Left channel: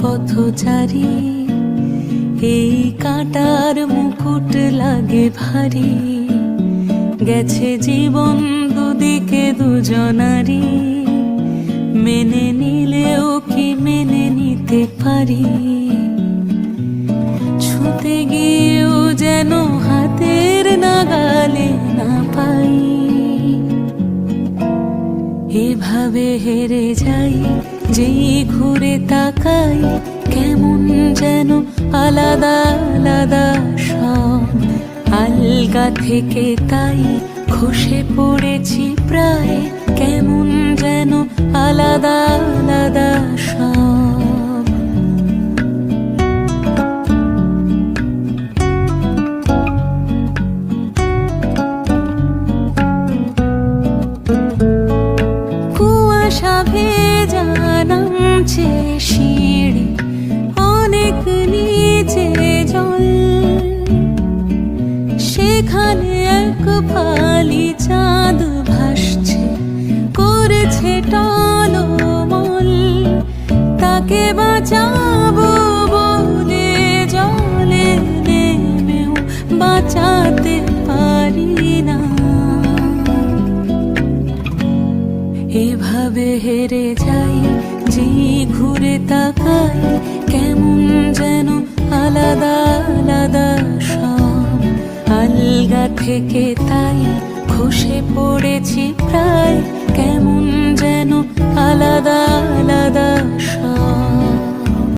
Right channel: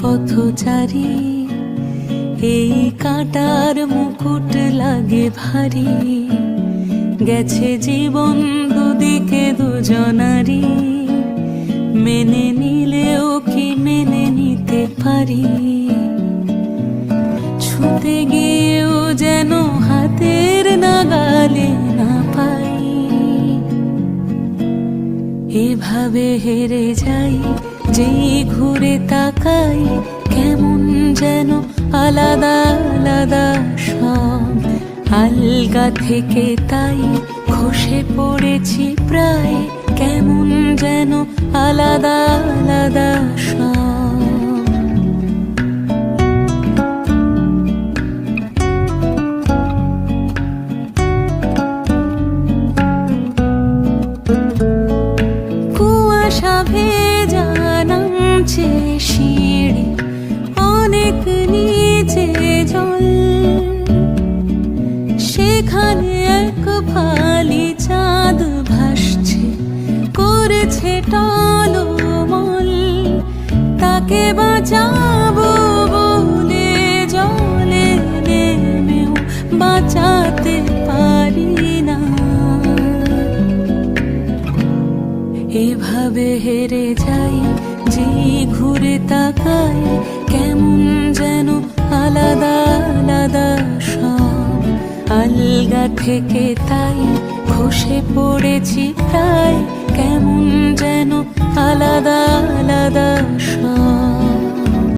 পথচারী, এই কাঁটার মুকুট লাগে ভারী। গেছে জীবন দুদিকে দুজনারই, মেনে নিলেও কি মেনে নিতে পারি? ছুঁতে গিয়েও যেন হাতের নাগালে না পাই। এভাবে হেরে যাই, যেই ঘুরে তাকাই, কেমন যেন আলাদা আলাদা সব। আলগা থেকে তাই খসে পড়েছি প্রায়, কেমন যেন আলাদা আলাদা সব। কুয়াশা ভেজা নামছে সিঁড়ি, অনেক নিচে জল। সেখানে এক ফালি চাঁদ ভাসছে, করেছে টলমল। তাকে বাঁচাবো বলে জলে নেমেও বাঁচাতে পারি না। এভাবে হেরে যাই, যে ঘুরে তাকাই, কেমন যেন আলাদা আলাদা সব। আলগা থেকে তাই খসে পড়েছি প্রায়, কেমন যেন আলাদা আলাদা সব।